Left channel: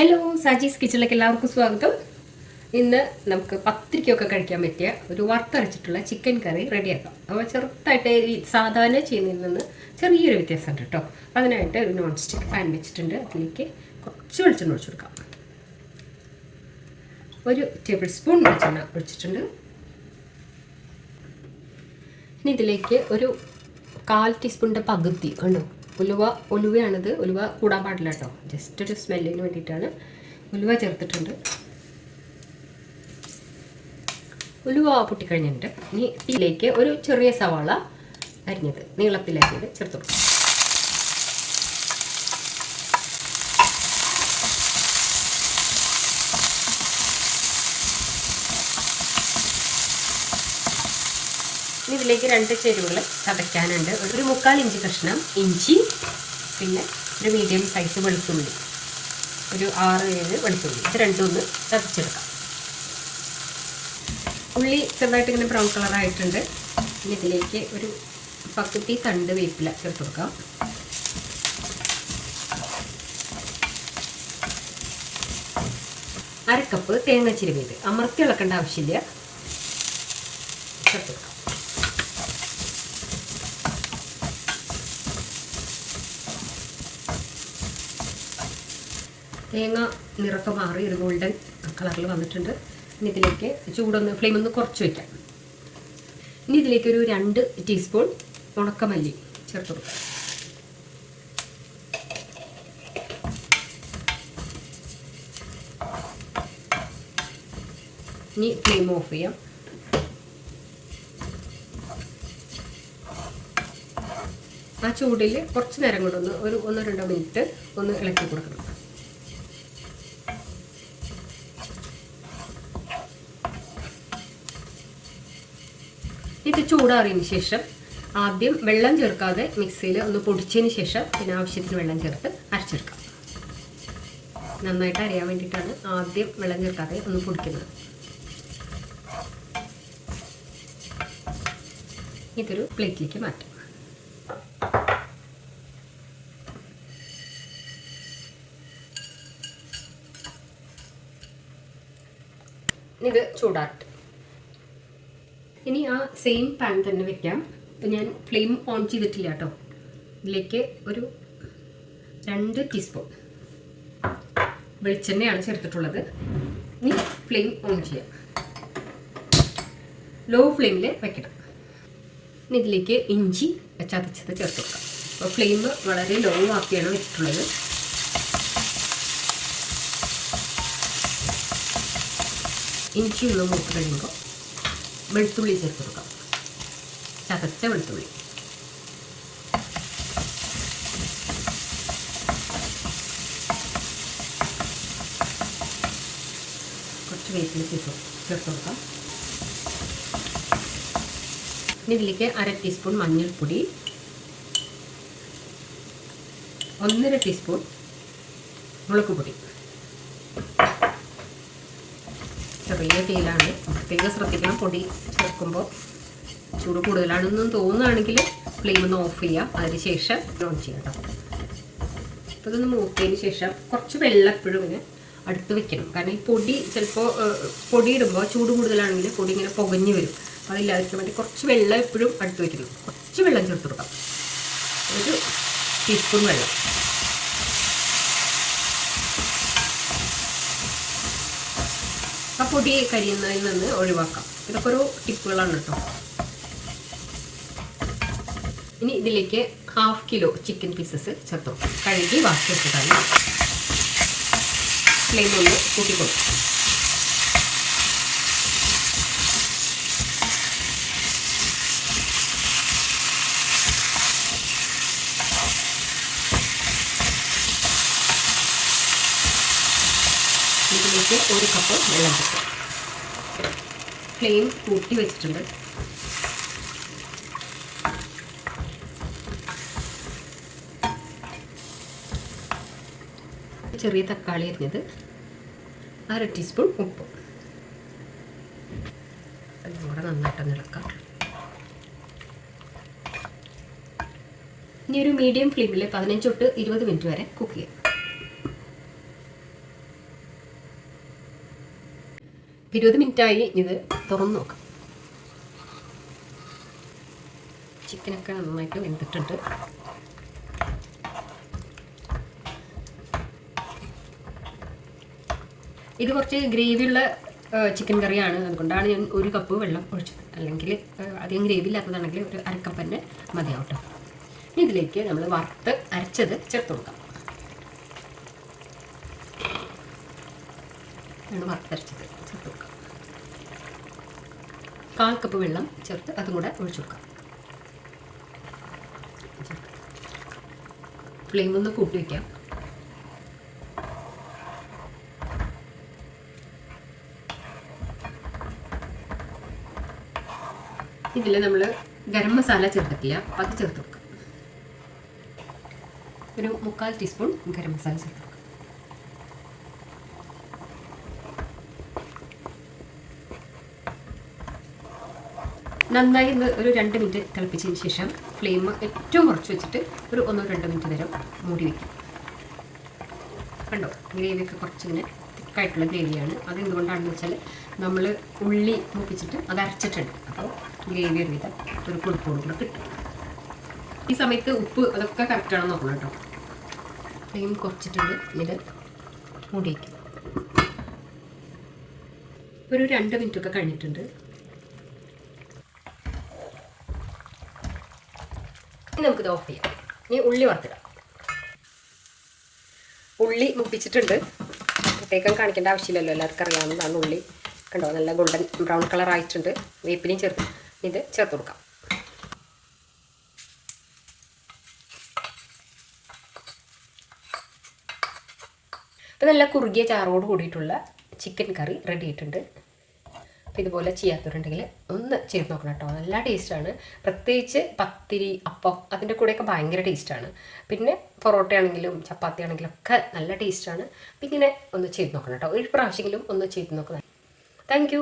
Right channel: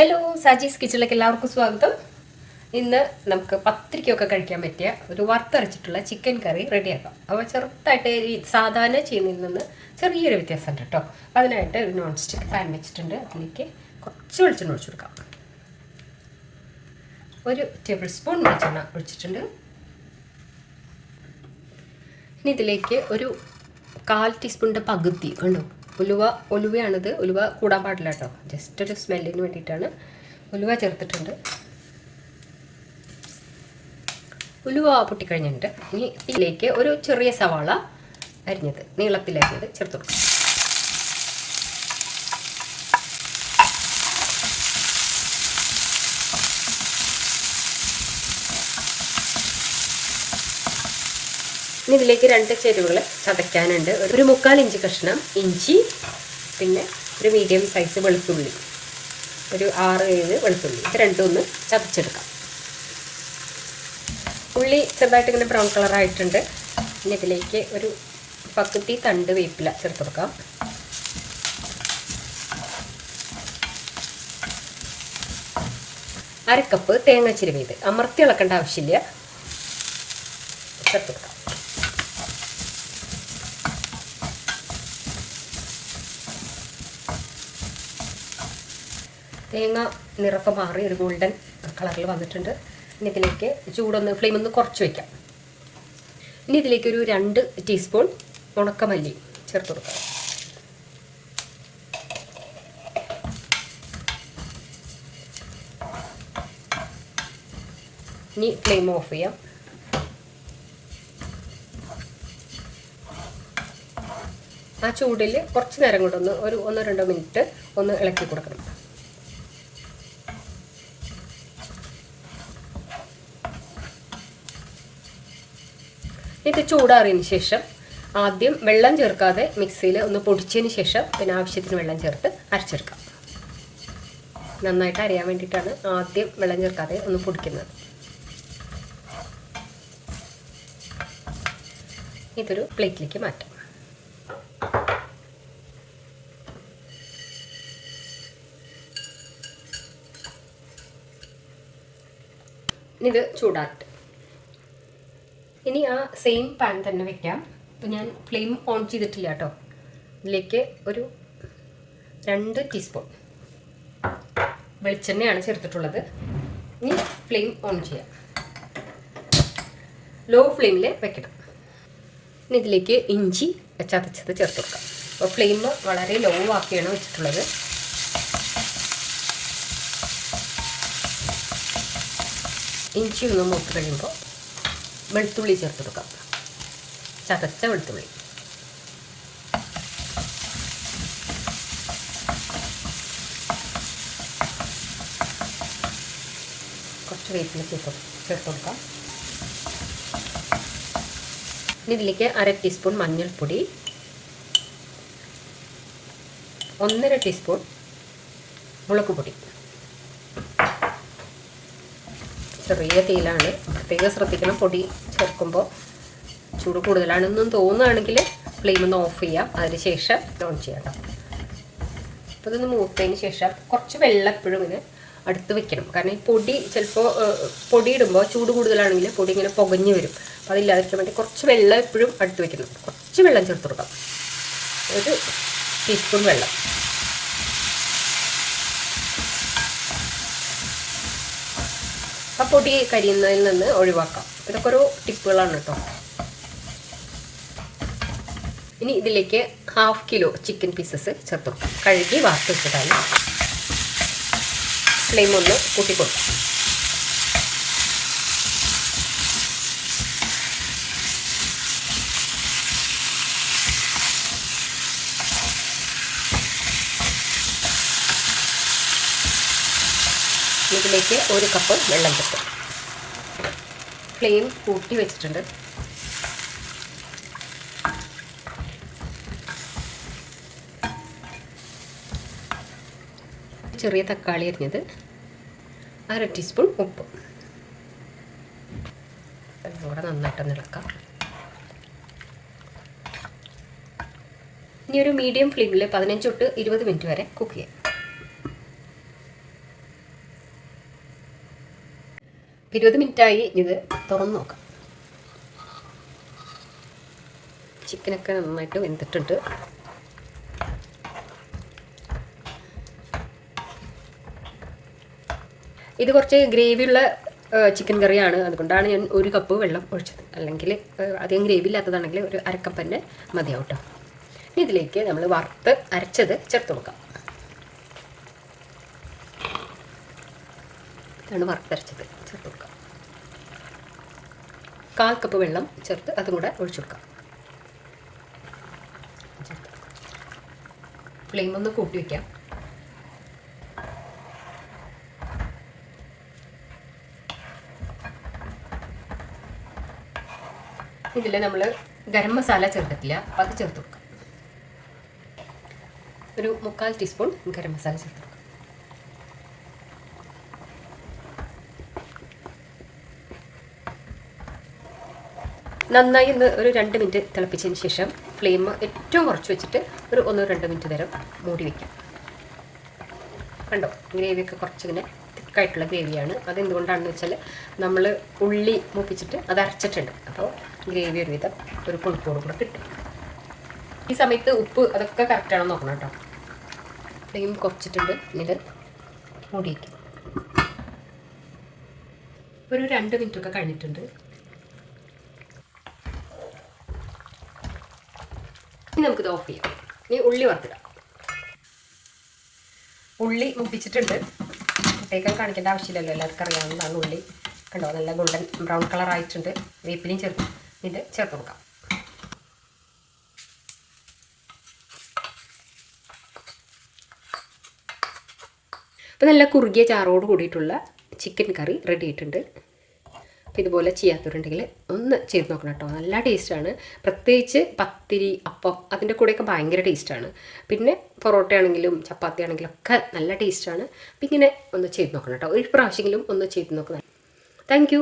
Hello Saji's കിച്ചണിലേക്ക് എല്ലാവർക്കും സ്വാഗതം. ഇന്ന് നമുക്ക് പത്തിരിക്കൊക്കെ കഴിക്കാൻ പറ്റിയ ഒരു വറുത്തരച്ചിട്ടുള്ള ചിക്കൻ കറി റെഡിയാക്കാം. അപ്പോൾ ചെറുതായിട്ട് ഈ സാധാരണ ചെയ്യുന്നതിൽ നിന്ന് ചെറിയൊരു വ്യത്യാസമുണ്ട് കേട്ടോ. അതിനായിട്ട് ഒരു നോൺ സ്റ്റിക്ക് പാൻ വെച്ചിട്ടുണ്ട്. അതിലേക്ക് കുറച്ച് വെളിച്ചെണ്ണ ഒഴിച്ചു കൊടുക്കാം. ഒരു ടേബിൾ സ്പൂൺ വെളിച്ചെണ്ണ ഒഴിച്ചിട്ടുണ്ട്. ഇനി ഇതിലേക്ക് ഒരു കാൽ ടീസ്പൂണിന്റെ പകുതി ഉണ്ടോ ഉലുവ ഉലുവയാണിത്. ഉലുവ കൂടാൻ പാടില്ല കേട്ടോ. ജസ്റ്റ് ഒരു സ്മെല്ലിന് വേണ്ടിയിട്ടാണ് ഉലുവ ചേർത്തിട്ടുണ്ട്. ഉലുവ പൊട്ടിക്കഴിഞ്ഞിട്ട് ഇനി ഇതിലേക്ക് ഒരു ചെറിയ സവാള അരിഞ്ഞത് നീളത്തിലരിഞ്ഞത് ചേർത്ത് കൊടുക്കും. ഇനി ഇതിലേക്ക് രണ്ട് ചേരുവകൾ ചതയ്ക്കാനുണ്ട്. ഒരു മുക്കാൽ ഇഞ്ച് കഷ്ണം ഇഞ്ചി പിന്നെ ഒരു മീഡിയം സൈസ് വെളുത്തുള്ളി. ഒരു ആറ് ഏഴ് വെളുത്തുള്ളി. ഇത് രണ്ടും ഒന്ന് ചതച്ചെടുക്കാം. ഉള്ളി ചെറുതായിട്ട് ഇങ്ങനെ ബ്രൗൺ കളറായിട്ടുണ്ട് ഇനി ഇതിലേക്ക് ഒരു പക്കുത്തി തണ്ട് വേപ്പില ചേർത്ത് കൊടുക്കാം. അരക്കപ്പ് തേങ്ങ ചിരുവിയത്. അമർത്തി ഇളക്കേണ്ട ആവശ്യമില്ല ചേർത്ത് കൊടുക്കാം തേങ്ങ നിറക്കം മാറി ഒരു ഗോൾഡൻ കളറിൽ വന്നിട്ടുണ്ട്. ഇനി ഇതിലേക്ക് ചൂടൊന്ന് ഫ്ലെയിം ഒന്ന് കുറച്ച് വയ്ക്കാം ഇനി ഇതിലേക്ക് ഒരു രണ്ട് ടീസ്പൂൺ ഉണക്കമല്ലി ചേർത്ത് കൊടുക്കാം. ഇനി ഫ്ലെയിം ഓഫ് ചെയ്യാം. ആ ചൂടിൽ കുറച്ച് നേരം കൂടെ ഒന്ന് ഒരു ഒന്നോ രണ്ടോ മിനിറ്റ് ഒന്ന് ഇളക്കി കൊടുക്കണം. ഇത് ചൂടാറിയതിന് ശേഷം ആദ്യം വെള്ളം ചേർക്കാതെ മിക്സിയിൽ ഒന്ന് പൊടിച്ചതിന് ശേഷം പിന്നെ ആവശ്യത്തിന് വെള്ളം ചേർത്ത് അരച്ചെടുക്കാം. നന്നായിട്ട് അറിയാൻ വേണ്ടിയിട്ടാണ് ആദ്യം വെള്ളം ചേർക്കാതെ ഒന്ന് പൊടിക്കുന്നത്. ഇതൊരു പ്ലേറ്റിലേക്ക് മാറ്റാം. ഇത് ചൂടാട്ട് ഇനി ആ സെയിം പാൻ തന്നെ വെക്കാം. അപ്പോൾ ഞാൻ ഫ്ലെയിം ഓൺ ചെയ്തിട്ടില്ല കേട്ടോ. ഇതിലേക്ക് ഒരു രണ്ട് ടീസ്പൂൺ വെളിച്ചെണ്ണയാണ് ചേർത്തിട്ടുള്ളത്. ഇനി ഫ്ലെയിം ഓൺ ചെയ്യാം. ലോ ഫ്ലെയിമിൽ വെക്കണം. ഇനി ഇതിലേക്ക് ഇഞ്ചി ചതച്ചത് ചേർത്ത് കൊടുക്കാം. അപ്പോൾ ഫ്ലെയിം വളരെ ലോ ആക്കിയാണ് വെച്ചിട്ടുള്ളത്. ഇഞ്ചി ഒന്ന് മൂത്ത് കഴിയുമ്പോൾ വെളുത്തുള്ളി ചേർത്ത് കൊടുക്കാം. ചതച്ച വെളുത്തുള്ളി. കുറച്ച് വേപ്പില ചേർത്ത് ചേർത്ത് കൊടുക്കാം. ഇനി ഇതിലേക്ക് അര ടീസ്പൂൺ മഞ്ഞൾപ്പൊടി. ഒന്നര ടീസ്പൂൺ മുളക് പൊടി. ചെറിയ തീയിലാണ്. പ്രത്യേകം ശ്രദ്ധിക്കണം. പൊടി ചേർക്കുമ്പോൾ ചൂട് കൂടുതലാണെന്ന് തോന്നുകയാണെങ്കിൽ ഫ്ലെയിം ഒന്ന് ഓഫ് ചെയ്യാം. അതിനുശേഷം ഓൺ ചെയ്യാം അപ്പോൾ ഇതൊന്ന് മൂത്തതിന് ശേഷം കുറച്ച് വെള്ളം എപ്പോഴും ഇങ്ങനെ അടുത്ത് വെക്കണം. കാരണം ഈ പൊടി ചിലപ്പോൾ പൊടി ഇടുമ്പോൾ ചൂട് കൂടുതലാണെങ്കിൽ പൊടി ഇങ്ങനെ പുകഞ്ഞു വരും. അപ്പോൾ അതില്ലാതിരിക്കാൻ വേണ്ടി കുറച്ച് വെള്ളം എപ്പോഴും അടുത്ത് വെക്കണം. കുറച്ച് വെള്ളം ചേർത്ത് കൊടുക്കാം. ഒരു ടീസ്പൂൺ വെള്ളം. ആ പൊടി കരിയുന്നതിൽ നിന്ന് ഒഴിവാക്കാം. ഇതൊക്കെ ഒരു ടിപ്പുകളാണ് കേട്ടോ. ഇനി ഇതിലേക്ക് ഹാഫ് കിലോ ചിക്കൻ പീസസ് ചേർത്തു കഴുകി വാർത്ത് വെച്ചതാണ് ഫ്ലെയിം ഒന്ന് കൂട്ടിക്കൊടുക്കും. ഇതിലേക്ക് ഒരു കപ്പ് വെള്ളം കിട്ടും ഫ്ലെയിം കൂട്ടി വെച്ചിട്ടുണ്ട്. ചെറിയ തക്കാളി അരിഞ്ഞത് അര ടീസ്പൂൺ ഉപ്പ്. കൂടെ നന്നായിട്ട് ഇളക്കാം. ഇനി ഒരു മീഡിയം ഫ്ലെയിമിൽ പതിനഞ്ച് തൊട്ട് ഇരുപത് മിനിറ്റ് വരെ കുക്ക് ചെയ്യാം. ഇരുപത് മിനിറ്റായി. ഇത് തുറന്ന് നോക്കാം. ചിക്കനൊക്കെ നന്നായിട്ട് വെന്തിട്ടുണ്ട്. ഇത് കുറച്ച് ഗ്രേവിയുള്ള ചിക്കൻ കറിയാണ്. അതുകൊണ്ടാണ് ഞാൻ ഒരു കപ്പ് വെള്ളം ഒഴിച്ചത്. അല്ലെങ്കിൽ അധികം ഗ്രേവി ഇല്ലാത്തതാണെങ്കിൽ ഒരു അരക്കപ്പ് തന്നെ മതിയാവും ഇതിലേക്ക് നമ്മൾ വറുത്ത് അരച്ചത് ചേർത്ത് കൊടുക്കാം. ആണ് വറുത്തരച്ചത്. ചേർത്ത് കൊടുക്കാം. കാൽ കപ്പ് വെള്ളം ചേർത്ത് അതും കൂടെ ഒഴിച്ചു കൊടുക്കാം. ഫ്ലെയിം ഒന്ന് കൂട്ടി വയ്ക്കാം ഇതിൽ നമ്മൾ ഗരം മസാല ചേർത്തിട്ടില്ല. അപ്പം അത് ചേർത്ത് കൊടുക്കാം. ഒരു മുക്കാൽ ടീസ്പൂൺ ഗരം മസാല ചേർത്ത് നന്നായി ഒന്ന് ഒരു രണ്ട് മിനിറ്റ് തിളപ്പിച്ചതിന് ശേഷം ഫ്ലെയിം ഏറ്റവും കുറച്ച് വെച്ചിട്ട് ഒരു ഒന്നോ രണ്ടോ മിനിറ്റ് നേരം മൂടി വയ്ക്കാം കണ്ടോ? ഗ്രേവിയൊക്കെ കുറച്ച് ഇങ്ങനെ തിക്കായിട്ടുള്ള ഗ്രേവിയാണ്. അതെന്തുകൊണ്ടാണെന്ന് വെച്ചാൽ നമ്മൾ ഉള്ളി മൂപ്പിച്ചിട്ട് അത് അരച്ചിട്ടുണ്ട്. അപ്പോൾ ഗ്രേവി ഒരു വിധം ഒരു കൊഴുപ്പോട് കൂടെ കിട്ടും. ഈ സമയത്ത് ഉപ്പ് അതൊക്കെ കറക്റ്റാണെന്ന് നോക്കണം കേട്ടോ. ഫ്ലെയിം കുറച്ചിട്ടുണ്ട്. ഇതിൽ മൂടി വയ്ക്കും ഒരു രണ്ട് മിനിറ്റൊക്കെ കഴിഞ്ഞിട്ടുണ്ട്. ഇനി നമുക്കിത് ഓഫ് ചെയ്യാം. ഇനി ഉള്ളി വറുത്തിടാം. ഉള്ളി മുപ്പിച്ചിട്ടുണ്ട്. പ്രത്യേകം കാണിക്കേണ്ട ആവശ്യമില്ലല്ലോ. എല്ലാവർക്കും അറിയാവുന്നതാണ് ഉള്ളി. കണ്ടോ? നല്ല ഗോൾഡൻ ബ്രൗൺ കളർ ആയിട്ടുണ്ട്. വേപ്പിനും ചേർത്ത് ഇത് ചേർത്ത് കൊടുക്കാം. അപ്പോൾ നല്ല കുറുകിയ ചാറോട് കൂടിയിട്ടുള്ള ചിക്കൻ കറി റെഡി ആയിട്ടുണ്ട്. ഇതുപോലെ ചെയ്യാത്തവരുണ്ടെങ്കിൽ ഒന്ന് ചെയ്ത് നോക്കണം കേട്ടോ. നല്ല ടേസ്റ്റാണ് പ്രത്യേകിച്ച് പത്തിരി അപ്പം അതിന്റെ കൂടെയൊക്കെ ഭയങ്കര ടേസ്റ്റാണ് പിന്നെ പൊറോട്ട ആണെങ്കിലും ചപ്പാത്തി ആണെങ്കിലും ഒക്കെ നല്ല ടേസ്റ്റാണ് അപ്പം ഇങ്ങനെ ഒന്ന് ചെയ്ത് നോക്കണം കേട്ടോ. ഒരു പ്രാവശ്യമെങ്കിലും ഒന്ന് ചെയ്ത് നോക്കണം താങ്ക്